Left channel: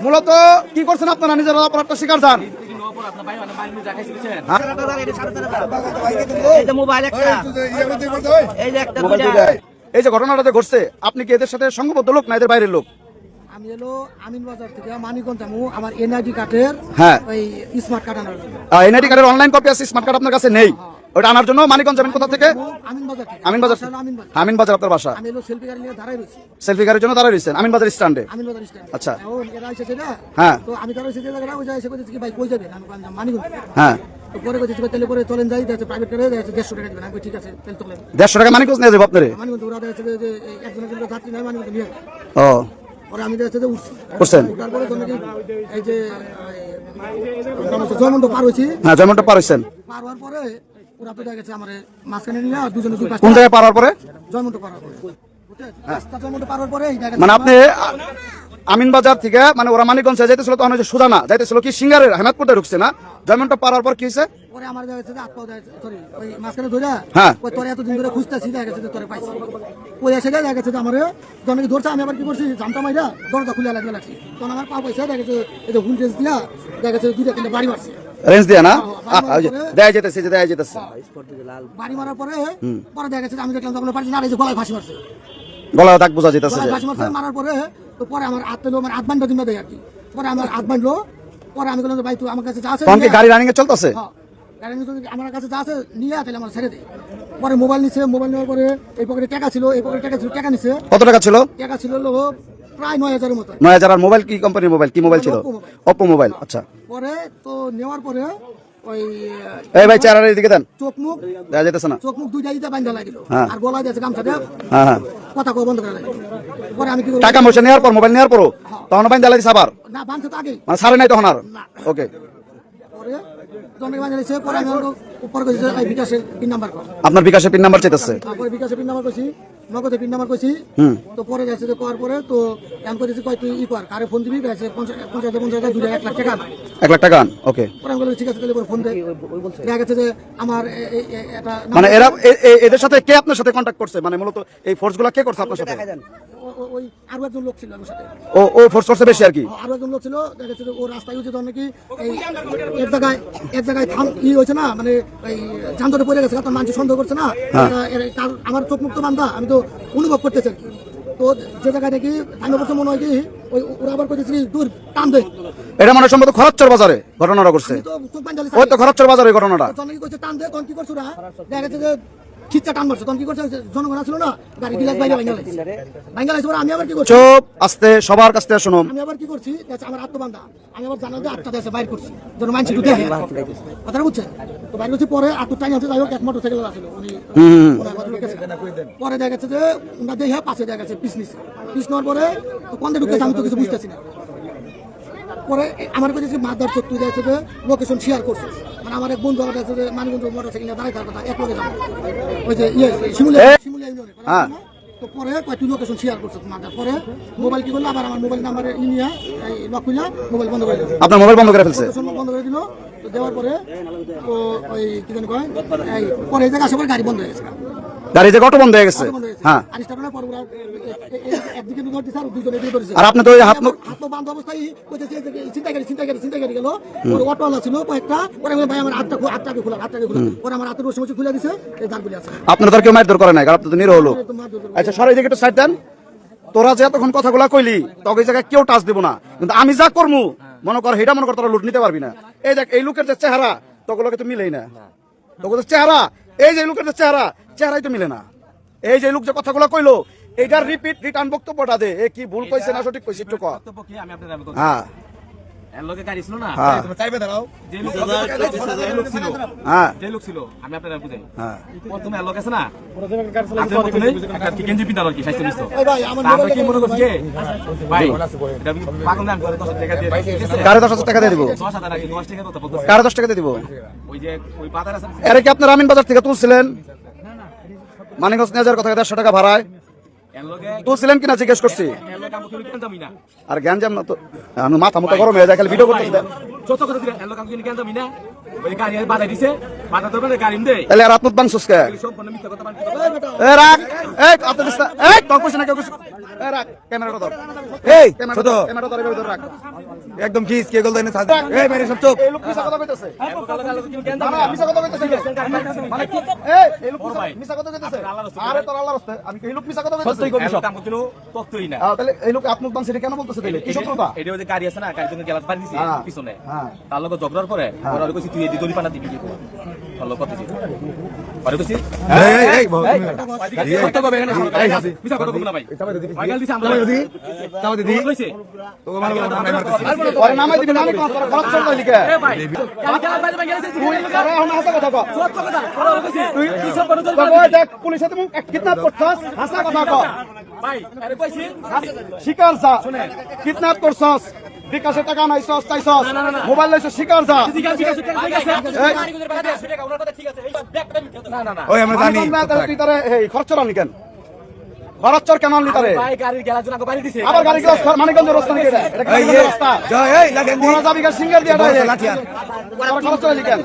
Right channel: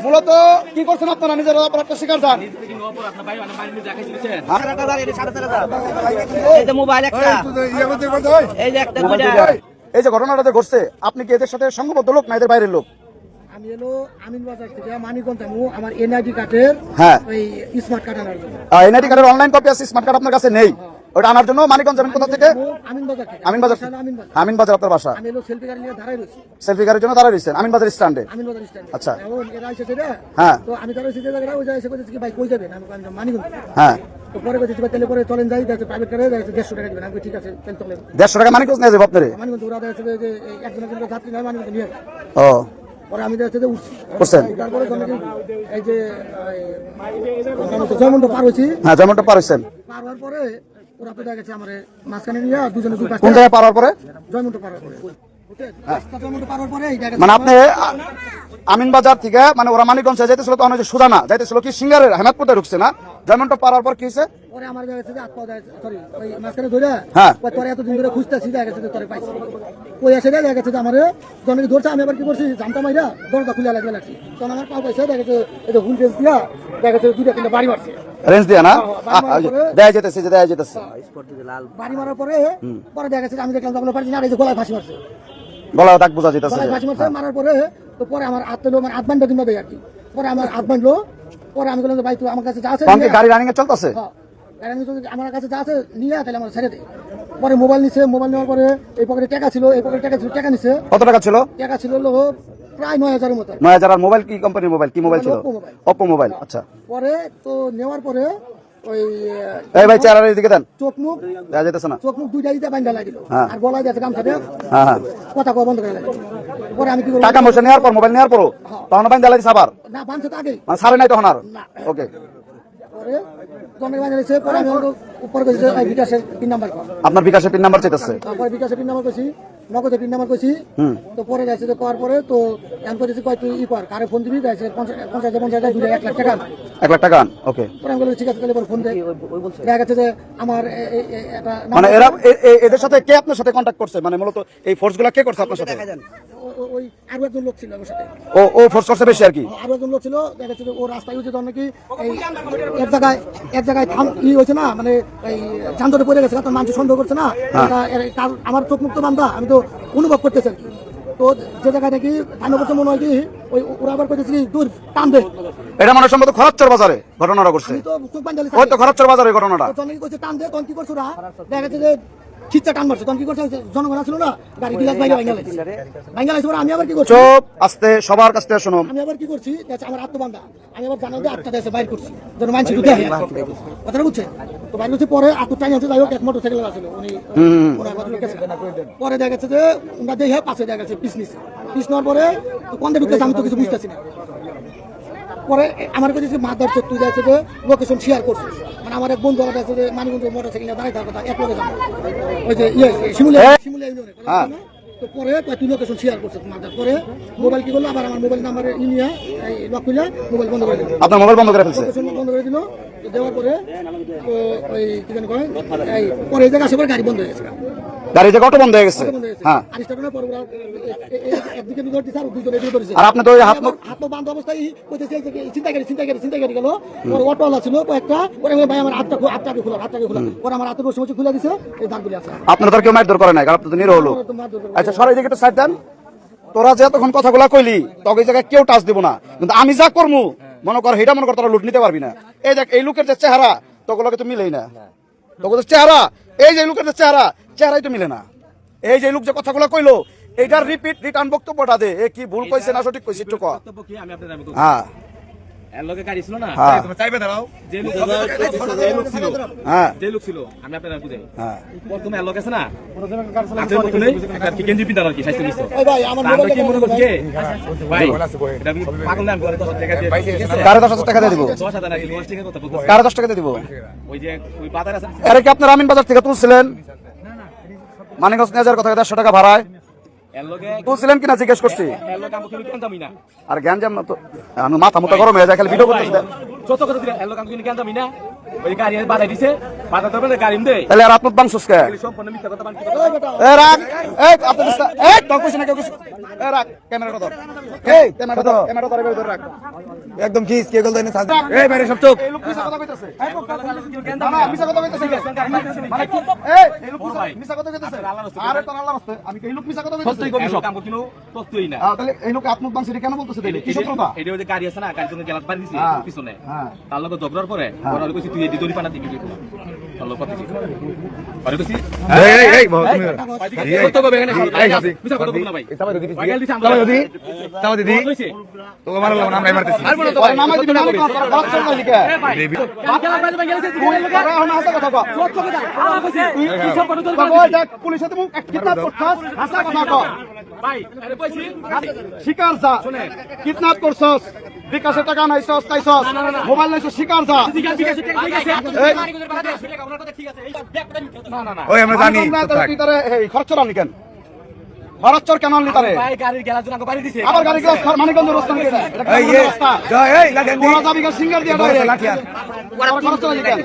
মূলত কি করছেন আপনারা? নিজের অপরাধটা স্বীকার যান এই যে ঘটনাটা যে ঘটছে আপনি কি এদের সাথে সংঘবদ্ধ লোক না এদের বাইরের লোক? আমি এলো আমিন বাজার থেকে মানিকগঞ্জ যাব আমার এনআইডি কার্ডের হ্যাঁ। ওই স্মার্ট কার্ড আনার জন্য। এনআইডি কার্ডের অনলাইন কপি আছে স্মার্ট কার্ড আপনার কাছে নেই? ওটা আনার জন্য মানিকগঞ্জ যাবেন কোথা থেকে? আমিন বাজার আমিন বাজার আপনার বাসা? সেলফি দাঁড়াই গাড়ির জন্য দাঁড়ায় রয়েছেন। আমিন বাজার স্ট্যান্ডে আচ্ছা। হ্যাঁ। হ্যাঁ। দেড়শো টাকা মানিকগঞ্জ নিয়ে যাব আপনার। ও। পরে আমি যাচ্ছে যে উঠছি। করছেন তারপরে তো নাকি এই যে জয়মন্ড পার হয়েছি। হ্যাঁ পারছেন পার হওয়ার পরে ওরা তো গেছে আমার মাঝখানে নিয়ে দুজনে দুই কোন পাঁচটা জায়গায় পারার পরে? জয়মন্ড পার হওয়ার পরে। মানে আপনি আমিন বাজার থেকে মানে ওরা মানিকগঞ্জ যাইতেছিল তখন যে সুদামা যাইতেছিল কি সিঙ্গারের হেমাদপুরে ঢুকছে না? যেমনটা পারার পর কি হয়েছে? হ্যাঁ। দরজা খুলে লাগবে তখন আমার পা পাইছে দেখা গেছে এই যে হুল কেস দিয়া দেখা গেছে দুটো কিলো বাড়ি মারছে। রেঞ্জ দিয়ে না? দেয়া যেতেছে যে দেয়া যেতেছে। বাড়ি মারার পরে পরে দেখা গেছে আমি দেখলাম তখন পারছি না আর এই যে গলায় ফাঁসি মারছে। গলা দাগ বোঝা যেতেছে ফাঁসি মারছে মারার পরে তো পরে আমার হাত পেল মানে হাত দিন দেয় আর কি। পরে আমার হাত বান্ধলো পরে আমি বললাম ভাই তুই আমার কাছে যা আছে। গাড়ি রানিং এ চলতেছে? হ্যাঁ। আমি যদি আমার কাছে যা আছে নিয়ে তাহলে আমার ছেড়ে দে। পরে মোবাইল নিছে মোবাইল নেওয়ার পরে এই পকেটে টাকা ছিল এই পকেটে টাকা ছিল টাকা নিছে। কত টাকা ছিল? টাকা ছিল প্রায় নয় হাজারের মতো। নয় হাজার আর মোবাইল কি কোম্পানির মোবাইল? কি মোবাইল ছিল? অপো মোবাইল আচ্ছা। পরে তো নেওয়ার পরে ওই এই ভাই চেহারা এদিকে দেন। চোখ মুখ দেয়া যেতেছে না। চোখ মুখ দুইটা দিতে বাইন্দা লাগিল। হ্যাঁ। আর গলায় যাচ্ছে গামছা দিয়ে হ্যাঁ হ্যাঁ। কথা কওয়া বন্ধ করে লাগিল পরে আমি কি করব টাকা পয়সা নেওয়ার পর মোবাইল নেওয়ার পরও? তখন দালাইছে আবার? না তো আগেই। মানে সারে নাই তখন আর। ওকে পরে বিকাশের পিন নাম্বার আপনার বিকাশের পিন নাম্বার চেতেছে তারপরে বিকাশে পিন নাম্বার করছি নগদে পিন নাম্বার কইছি তো পরে গেছে যে পাওয়ার পরে তো এম করেছি কয় তুই ই কর কারে ফোন দিবি? গেছে পঞ্চাশ পঞ্চাশ পঞ্চাশ দুই এক লাখ টাকা এক লাখ টাকা ওকে পরে আমি বললাম ঠিক আছে তাহলে ফোন দে। দেখা গেছে যে আমার মানে এরা এদের সাথে কে আপনার সাথে কন্ট্যাক্ট করছে? মানে মূলত এই ফোর্সগুলা কে করছে আপনার সাথে? ওই আরও একজন লোক ছিল আমার সাথে। ও ও ফোর্স করছে বেশি আর কি? আরও একজন লোক ছিল দেখা যাচ্ছে ও রাস্তায় নাকি এই এক জায়গায় এক জায়গায় থাম ই হয়েছে না মানে এই যানজটে পড়ে গেছে তখন মানুষ সন্দেহ করছে না কার- আমার চোখ মুক্ত বান্ধা আমি তো অনুভব করতেছি তো যে জায়গায় নাকি বছর মনে হয় কি ওই ওরা আবার দূর টান দে। এটা মানে সম্ভবত খরচর বাজারে ঘটনাটা করছে ওই তো খরচর বাজারে ঘটনাটা। টান দে তখন কি করছ ওরা? দেখা যাচ্ছে ঠিকঠাক টান মারছে। তখন কি করছে? জনগণ ছিল না? গাড়ি বিলাস বাইরে ভাঙ্গা লাগছে ভাঙ্গা পরে আমি আবার কি করছি? চুপ আস্তে সবার কাছ থেকে শুনুন। আমি আবার কি করছি? আমার আত্মবান্ধা আমি আবার জানাল যে আটটা দেশে বাইর করছি। যেন মানুষ ঢুকে কথাটা বুঝছেন? তো বাইর করছি পরে টাইম আছে যাই হোক এক মোটর সাইকেল আছিল উনি ওনার কথা লিখেছে। পরে দেখা গেছে যে ওনার দেখে পাশে দেখা গেছে পিস নিছে পিস নেওয়ার পরে ঢুকেছে আমি তো কিছু বুঝতেছি না। পরে আমার কাছে মাদার চত্বর যাচ্ছে যে লোকেশন শেয়ার করছে মানে আমার এক বন্ধু আছে যে মানিগঞ্জ মোটর সাইকেল দাঁড়িয়ে থাকার কথা একবারে যাব ওই যে ইয়ে শিমুলিয়া শিমুলিয়া ইউনিয়নে হ্যাঁ। তো পরে কয়েকটি লোকেশন শেয়ার করছে মাদার। পরে মোবাইল কি করল? আবার আমার মোবাইল নাম্বারে ইনিয়া এই লক মোবাইল বন্ধ করে দিল। আপনার মোবাইল বন্ধ করে ফেলছে? বন্ধ করে দিল। তো দেওয়ার পরে তো ওই কি জানি কয়? এই পরে এই জায়গা পরে গাড়ি বন্ধ হয়ে গেছে। গাড়ি যে বন্ধ হয়ে গেছে? বন্ধ হয়ে গেছে। হ্যাঁ। আর স্টার্ট পর ওরা এ- এ- একদিকে দুটো দিছে আর দুটো এদিকে ধরেছে আর আপনি তো হাত হাত বান্ধ অবস্থায় চিন্তা করি চিন্তা করি চিন্তা করি গেল। ওর অটোওয়ালা ছিল কয়েকটা ভাই আমার হাতটা হাতটাকে খোলা হাতটাকে খোলা। পরে আমার হাতের রসি খুলে দিছে এই দাগগুলি আছে। আপনাদের কেউ মারধর করে নাই কারণ আপনি তো নিরহ। আচ্ছা সরাই দিকে একটু সাইড দেন। তোরা যে তখন কথাগুলা কইলি তোকে এই জায়গায় কেউ টাচ দিব না। কিন্তু আমি যা করমু মনে কর হেটা মনে কর তোরা লুট নিতে পারবি না। এই দেখ এই লোকের যে চেহারা তোগুলোকে তো মিলেই না। তোকে যে চেহারা এই যে লোকের যে চেহারা চেহারাই তো মিলে না। এই যে লোক যে কথাগুলো কইলো এটার রিপিট রিটার্ন বক্তব্যটা দে। এ কি ভুল কইছে না সঠিক কইছে একটু হ্যাঁ। এর গাড়ি ছিল না? চাইবে দাঁড়াও যে লোক যে লোক ছিল হ্যাঁ। যে লোক ছিল আমি আপনার বুঝাই হ্যাঁ। তুমি এর আছে না? আপনি বললে একটা চিকেন জিপি দাও কি? স্বাস্থ্য মিশ্র এই ভাই আমার আমরা কি মনে করছি ভাই এটা আমি পাগল না করে দশ টাকা দিয়ে কারে দশ হাজার টাকা দিয়ে দিব? দশ হাজার নাকি দশ টাকা তো বলতেছে। কারে দশ টাকা দিয়ে দিব? ওই যে ওই পাতার আছে। আরে কি আপনার আমিন বাজার থেকে তুলছিলেন? মানিকগঞ্জ নিয়ে যাওয়ার কথা দেড়শো টাকা ভাড়ায়। জিজ্ঞেস করছি। আর লগে জাম না তো। মাথা মোটা গরম হয়ে যায়, খালি ভিডিও করতেছি। যত কথা দিলে এলো না। ওই গাড়ি আমি বাধা দিছে বাধা দেবে গাড়ি দে তাহলে আর বাংশুস কে? সম্পূর্ণ মিথ্যা কথা বানতে এ রাখ এই আপনি দিস এই তোর কইছ না কেউ কইছ এ রাখ ক্যামেরাটা ধর। এই ক্যামেরাটা ধর ক্যামেরাটা ধর এভাবে রাখ একদম কি কে গল দেনে সাজা? এই বাইরে সব চোখ এই লোক মিছা কথা কইতাছে। না না মিছা কথা কইতাছে মানে কি? এই এই লোক মিছা- মিছা কথা কইতাছে। আরে তোর আল্লাহর রাস্তায় আমি এই লোক মিছা কথা কইতাছে? কাম করছিল তত্ত্বই না তাহলে এই লোক আত্মত বাংশি কেন বলতেছে তাইলে কি শত্রুতা এটা ওই যে গাড়ি আছে না গাড়ি তুমি গেলাস বাড়ি দিছি হ্যাঁ। পিছনে। হ্যাঁ। তার লগে জবরার পরে ওরা কইছি তুই এদি দড়ি পানা দিবি তার লগে কথা দিছি পরে কইছি এই এই এই বহুত এই কত কবে এখানে এই হাসি মিছা কথা বলব না ভাই তাবা দিদি ভাই গাল দিছি আমরা তাবা দিদি তাবা দিদি তো আমার নাম নাই মারতেছি ওরে নামাই দিবি না কোন তোর খরচ চল নাইলি কে তুই তোরা এখন হাসা কথা কও তুই কিসব করে চল বাবা দেখ পুলিশে তুমি কিডন্যাপ করছস হাসা কথা কও ভাই আরে কইছি শিকার যা কিডন্যাপ করছস বিকাশে টাকা নাই সস তাই সস মোবাইল লাইছস শিকার যা এই ওই আমরা জানি ভিতরে এই খরচ চলানি কেন খরচ চর কেন আনলি তারে আবার গাড়ি গ্লাস রাস্তা নাকি এটা এটা এই রাস্তা লাগেন সিঙ্গার দিয়া খরচ কেন যে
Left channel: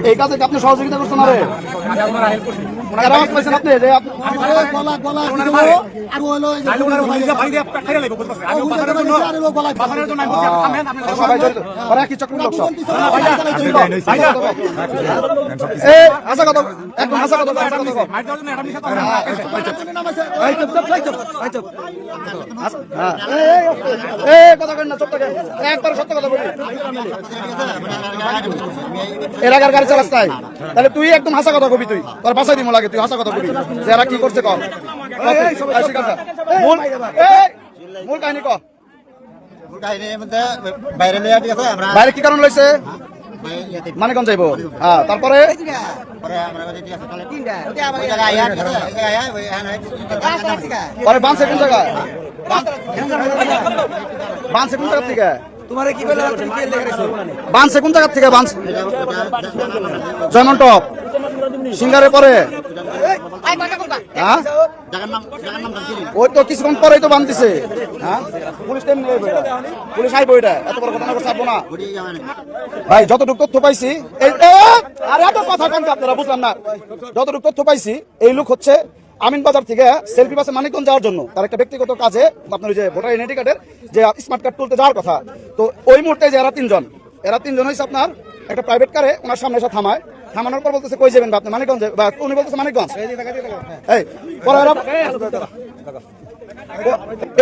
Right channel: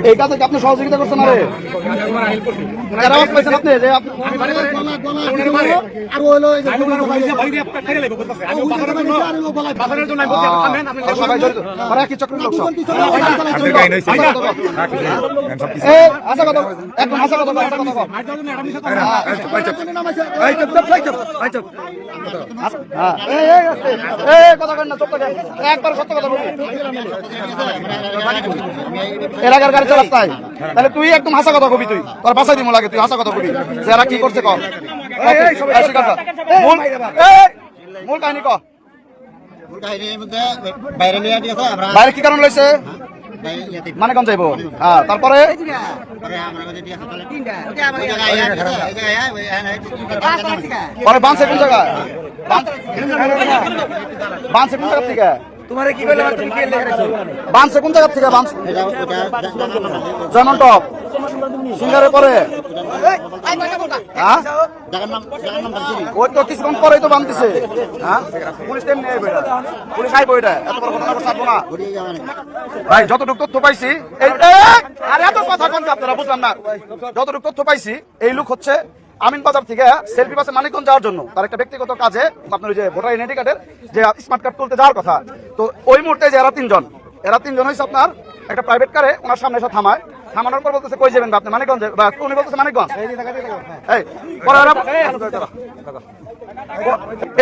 এই হ্যাঁ। কাজে আপনি সহযোগিতা করছেন আরে? আপনি? যে হ্যাঁ একবার সত্য কথা বলি। এলাকার গাড়ি চালাস তাই তাহলে তুই একদম হাসা কথা কবি তুই। তোর বাসায় দিমো লাগে তুই হাসা কথা কবি। এরা কি করছে কর। মূল- কাহিনী ক। বাইরে কি কারণ লইছে মানে কোন যাইব। হ্যাঁ তারপরে? পরে বানছে কোন জায়গায়? বানছে কোন জায়গা থেকে? তোমারে কি বলে তুমি কি দেখাইছো বানছে কোন জায়গা থেকে বানছে? জয়মন টপ। সিঙ্গারে পরে? হ্যাঁ? ওই তো কিছুক্ষণ পরেই তো বানতেছে। হ্যাঁ? পুলিশ টাইম পুলিশ আইবো এটা। এত বড় ঘটনা করছে না। ভাই যতটুকু তথ্য পাইছি এই আরে এত কথা কোন আপনারা বুঝলাম না। যতটুকু তথ্য পাইছি এই লোক হচ্ছে আমিন বাজার থেকে সেলফি বাসে মানিকগঞ্জ যাওয়ার জন্য তার একটা ব্যক্তিগত কাজে আপনার ওই যে ভোটার আইডেন্টি কার্ডের যে স্মার্ট কার্ড তুলতে যাওয়ার কথা। তো ওই মুহূর্তে যে এরা তিনজন এরা তিনজন হয়েছে আপনার একটা প্রাইভেট কারে ওনার সামনে এসে থামায়। থামানোর পর বলতেছে কই যাবেন আপনি মানিকগঞ্জে বা উনি বলতেছে মানিকগঞ্জ। এই পরে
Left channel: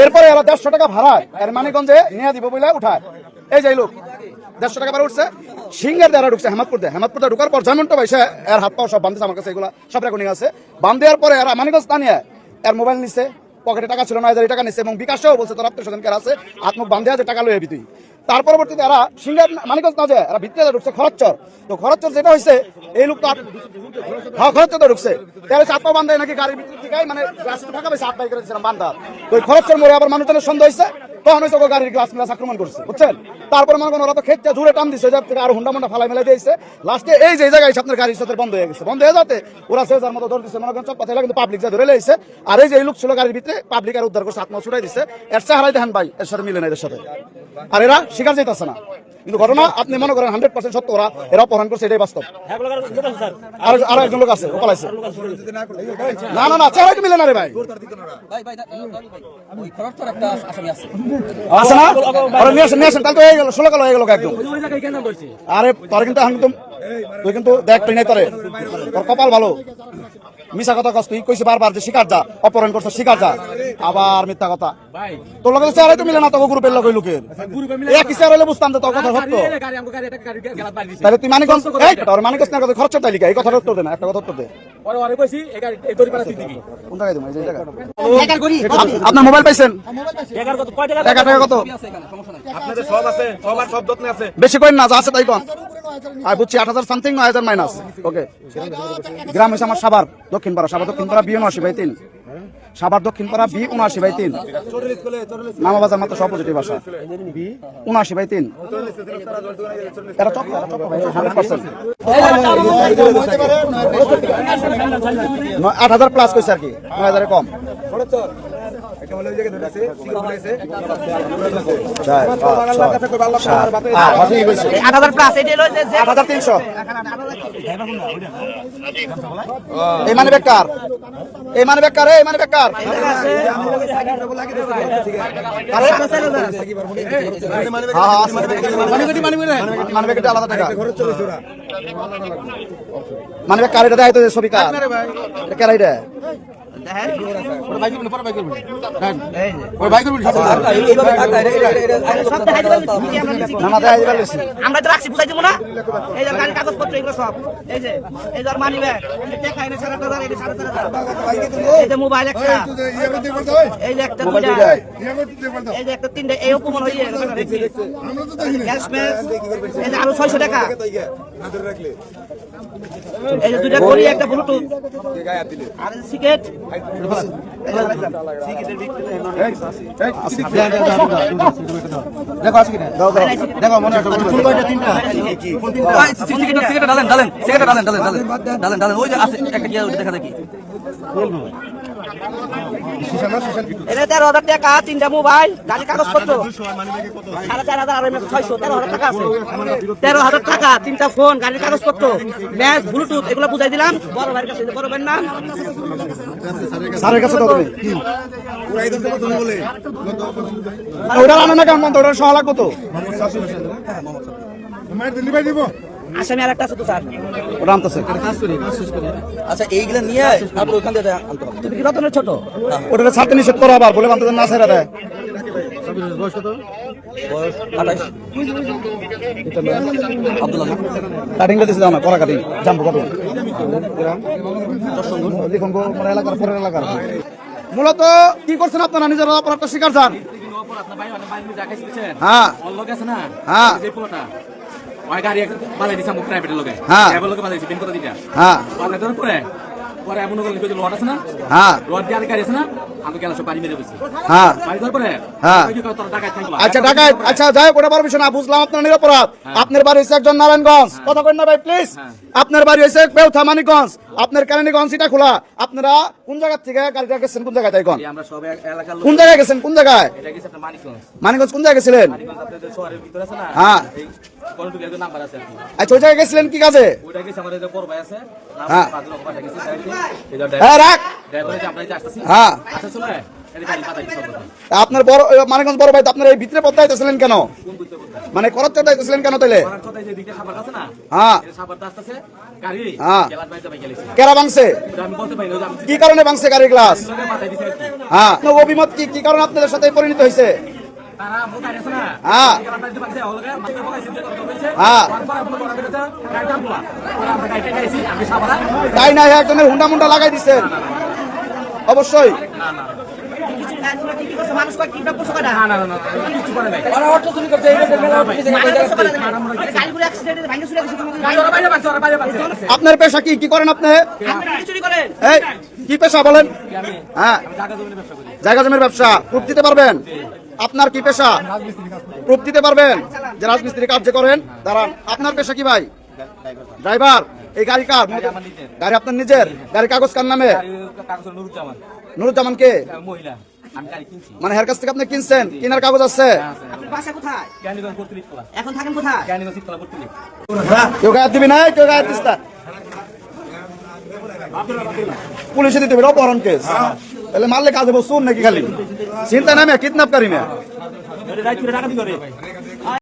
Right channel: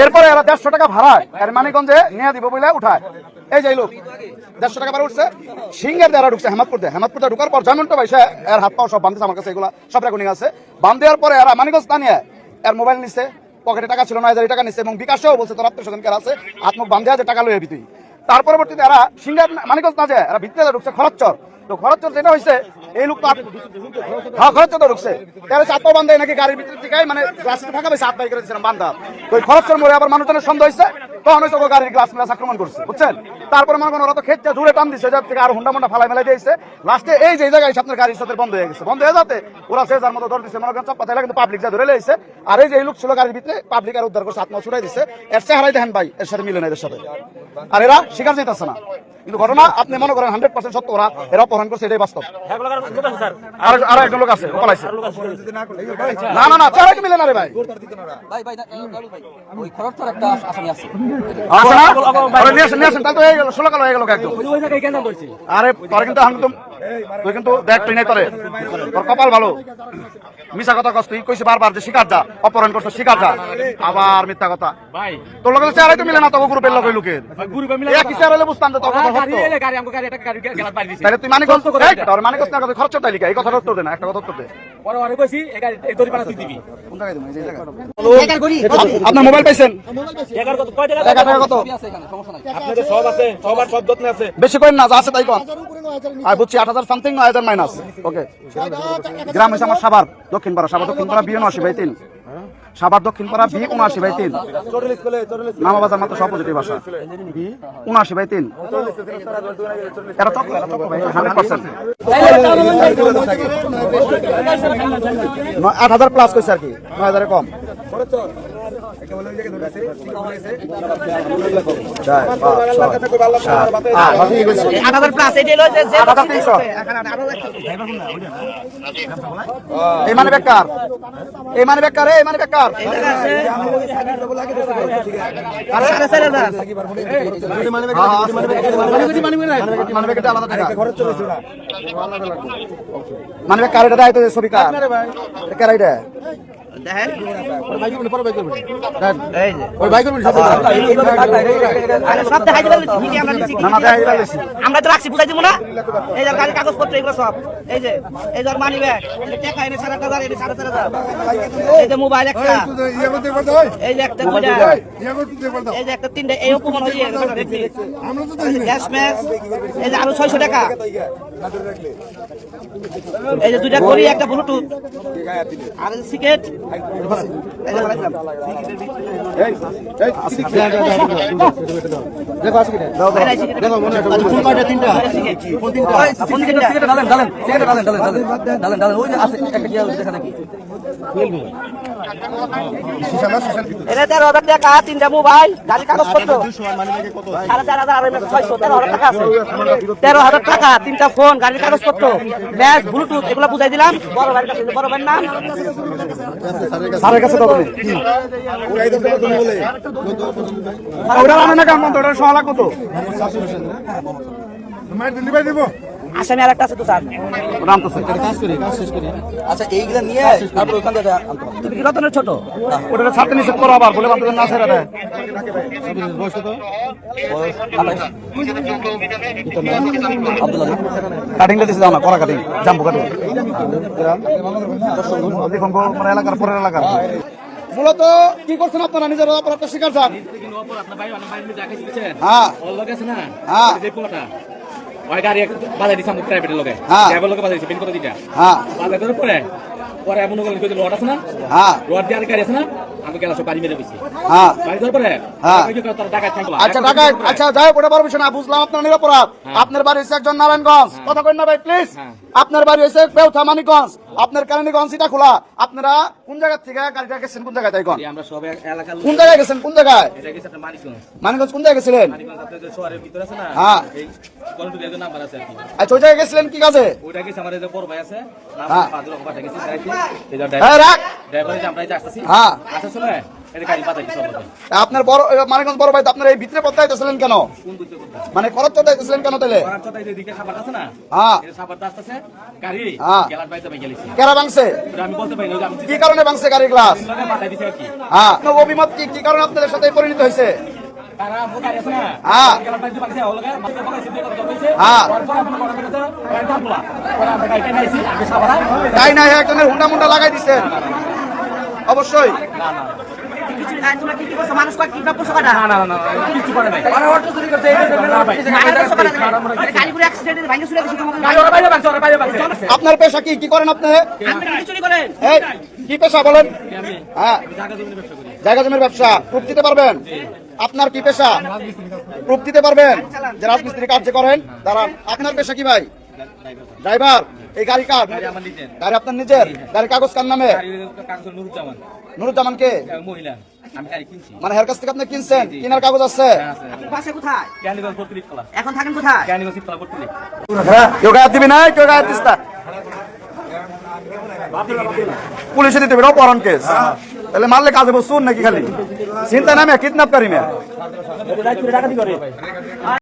এরপরে এরা দেড়শো টাকা ভাড়ায় আর মানিকগঞ্জে নিয়ে দিব বলে উঠায়। এই যাই লোক। দেড়শো টাকা ভাড়া উঠছে। সিঙ্গার দ্বারা ঢুকছে, হামাদপুর দিয়ে হামাদপুর ঢুকার পর যেমনটা পাইছে এর হাত পাও সব বান্ধছে আমার কাছে, এগুলো সব রকম আছে। বান্ধ দেওয়ার পরে এরা মানিকগঞ্জ না এর মোবাইল নিচ্ছে পকেটে টাকা ছিল না হাজার টাকা নিচ্ছে এবং বিকাশেও বলছে, তোর আত্মীয় স্বজনকার আছে আত্মক বান্ধে আছে টাকা লইবি তুই। তার পরবর্তীতে এরা সিঙ্গার মানিকগঞ্জ না যায়, এরা ভিতরে ঢুকছে খরচর। তো খরচর যেটা হয়েছে এই লোক তো হ্যাঁ খরচর তো ঢুকছে। তাহলে চাপা বান্ধে নাকি গাড়ির ভিতর থেকে মানে রাস্তা ফাঁকা পেয়েছে হাত বাই করে দিয়েছিলাম বান্ধা। তো খরচর মোড়ে আবার মানুষজনের সন্দেহ হয়েছে তখন হয়েছে গাড়ির গ্লাস মিলাস আক্রমণ করছে, বুঝছেন? তারপরে মনে করেন ওরা তো খেতে জুড়ে টান দিচ্ছে যার থেকে আর হুন্ডা মুন্ডা ফালাই মেলাই দিয়েছে। লাস্টে এই যে জায়গায় আপনার গাড়ির সাথে বন্ধ হয়ে গেছে। বন্ধ হয়ে যাতে ওরা সে যার মতো ধরে দিচ্ছে মনে করেন সব কথা কিন্তু পাবলিক যা ধরে লেগেছে আর এই যে লোক ছিল গাড়ির ভিতরে পাবলিক আর উদ্ধার করছে আত্মা ছুটাই দিচ্ছে এর চেহারাই দেখেন ভাই, এর সাথে মিলে না এদের সাথে। আর এরা শিকার যেতেছে না। কিন্তু ঘটনা, আপনি মনে করেন হান্ড্রেড পার্সেন্ট সত্য, ওরা এরা অপহরণ করছে, এটাই বাস্তব। আর আর একজন লোক আছে পালাইছে না না না, চেহারাই মিলে না রে ভাই, ওই খরচটার একটা আসামি আছে। আছে না? নিয়ে আসেন নিয়ে আসেন তাহলে তো হয়ে গেল ষোলো কালো হয়ে গেল একদম আরে তোর কিন্তু তুই কিন্তু দেখ তুই নেই তোরে। তোর কপাল ভালো। মিশা কথা কস তুই কইছে বারবার যে শিকার যা অপহরণ করছে শিকার যা। আবার মিথ্যা কথা। ভাই। তোর লগে চেহারাই তো মিলে না তোকে গ্রুপের লগে লোকের। গ্রুপে মিলে এ কি চেহারা হলে বুঝতাম তো তোর কথা হতো গাড়ি গাড়ি আমগো গাড়ি একটা গাড়ি গেলাত বাড়ি দিছে। তাহলে তুই তোর মানিকগঞ্জ না কথা খরচ তাইলি এই কথার উত্তর দে না একটা কথা উত্তর দে। পরে পরে কইছি এই গাড়ি এই দড়ি পানা তুই দিবি। কোন জায়গায় তুমি এই জায়গায়। আপ- আপনার মোবাইল পাইছেন? এগারো কত? কয় টাকা টাকা টাকা কত? আপনাদের সব আছে সবার সব যত্ন আছে। বেশি করেন না যা আছে তাই কম আর বুঝছি আট হাজার সামথিং নয় হাজার মাইনাস ওকে গ্রাম হয়েছে আমার সাবার দক্ষিণ পাড়া সাবার দক্ষিণ পাড়া বি উনআশি বাই তিন। সাবার দক্ষিণ পাড়া বি উনআশি বাই তিন। মামা বাজার মাত্র সব পজিটিভ আসা উনআশি বাই তিন। এরা চক্র এরা চক্র ভাই হান্ড্রেড পার্সেন্ট আট হাজার প্লাস কইছে আর কি, নয় হাজারে কম। আট, হাজার প্লাস আট হাজার তিনশো। এই মানে বেকার। এই মানে বেকার এই মানে বেকার। মানে বেকারটা আলাদা টাকা। মানে বেকার এটা দেয় তো ছবি কার এটা? দেখেন। আমরা তো রাখছি বুঝাই দিব না এই যে গাড়ির কাগজপত্র এগুলো সব এই যে এই যে মানি ব্যাগ টাকা এনে সাড়ে আট হাজার এনে সাড়ে চার হাজার এই যে মোবাইল একটা এই যে একটা। এই যে তিনটা এই অপমান হয়ে গ্যাস এই যে আরও ছয়শো টাকা এই যে দুইটা একটা ব্লুটুথ আর এই যে রাখলাম। এখানে তেরো হাজার টাকা তিনটা মোবাইল গাড়ির কাগজপত্র সাড়ে চার হাজার আর ছয়শো তেরো হাজার টাকা আছে। তেরো হাজার টাকা তিনটা ফোন গাড়ির কাগজপত্র ম্যাচ ব্লুটুথ এগুলো বুঝাই দিলাম। বড় ভাইয়ের কাছে বড় ভাইয়ের নাম। স্যারের কাছে দাও তুমি আনে না কেমন ওটা সহ লাগবো তো। আসামি আর একটা আছে তো স্যার। ওটা আনতেছে। আচ্ছা এইগুলা নিয়ে তারপর ওখান থেকে আনতে তুমি কি রতনের ছোট? ওটা ছাড়তে নিষেধ করো আবার বলে বান্ধব না ছেড়ে দেয়। কাটিং লেডিস দাও না করা কাটিং জাম্বু কাটিং। মানে এলাকার পরের এলাকার। মূলত কি করছেন আপনারা? নিজের অপরাধটা স্বীকার যান হ্যাঁ। হ্যাঁ। ওই গাড়ি বাজাই দিছে আমার প্রাইভেটের লোকে। ড্রাইভার লোকে বাজাই দিছে পিন করে দিটা হ্যাঁ। বাজাই দেওয়ার পরে পরে কই আছে না? হ্যাঁ। লট দিয়ে আর গাড়ি আছে না? আমি গেলাম বাড়ি মেরে বসি হ্যাঁ। বাড়ি দেওয়ার পরে হ্যাঁ। আচ্ছা আচ্ছা যাই হোক ওটা বুঝলাম আপনার নিরপরাধ। আপনার বাড়ি হচ্ছে একজন নারায়ণগঞ্জ। কথা কই না ভাই প্লিজ আপনার বাড়ি হচ্ছে বেউথা মানিকগঞ্জ আপনার কেরানীগঞ্জ এটা খোলা। আপনারা কোন জায়গা থেকে গাড়িটা গেছেন কোন জায়গায় তাই কোন? আমরা সব এলাকার কোন জায়গায় গেছেন কোন জায়গায়? এটা গেছে আপনার মানিকগঞ্জ। মানিকগঞ্জ কোন জায়গায় গেছিলেন? মানিকগঞ্জ আপনাদের শহরের ভিতরে আছে না হ্যাঁ। এই কন্ট্রোলের যে নাম্বার আছে আর কি। আচ্ছা ওই জায়গায় গেছিলেন কি কাজে? ওইটা গেছে আমার যে বড় ভাই আছে নাম হ্যাঁ। পাঁচ লক্ষ পাঠা গেছে যাইতে। এই যে হ্যাঁ রাখ। ড্রাইভার যে আমরা আসতেছি। হ্যাঁ। আপনার বড় এ, মানিকগঞ্জ বড় ভাই আপনার এই ভিতরে পথে আইতেছিলেন কেন? মানে করতে আইতেছিলেন কেন তাইলে? হ্যাঁ। হ্যাঁ। কেরা ভাঙছে? কি কারণে ভাঙছে গাড়ির গ্লাস? হ্যাঁ। অভিমত কি? কি কারণে আপনাদের সাথে পরিণত হয়েছে? হ্যাঁ। হ্যাঁ। তাই না একজনের হুন্ডা মুন্ডা লাগাই দিচ্ছেন অবশ্যই। আপনার পেশা কি? কি করেন আপনি? কি পেশা বলেন? হ্যাঁ। জায়গা জমির ব্যবসা। প্রুফ দিতে পারবেন? আপনার কি পেশা? প্রুফ দিতে পারবেন? যে রাজমিস্ত্রি কার্য করেন, দাঁড়ান। আপনার পেশা কি ভাই? ড্রাইভার এই গাড়ি কার? গাড়ি আমার নিজের। গাড়ি আপনার নিজের? গাড়ি কাগজ কার নামে? নুরুজ্জামান। নুরুজ্জামান কে? মহিলা। আমি গাড়ি কিনছি। মানে হের কাছ থেকে আপনি কিনছেন? কেনার কাগজ আছে? হ্যাঁ এখন থাকেন কোথায়? কেউ গায়ে দিবি না কেউ গায়ে দিস না? পুলিশে দিতে হবে অপহরণ কেস তাহলে মারলে কাজে বসুন নাকি খালি? চিন্তা নামে কিডন্যাপ করি না।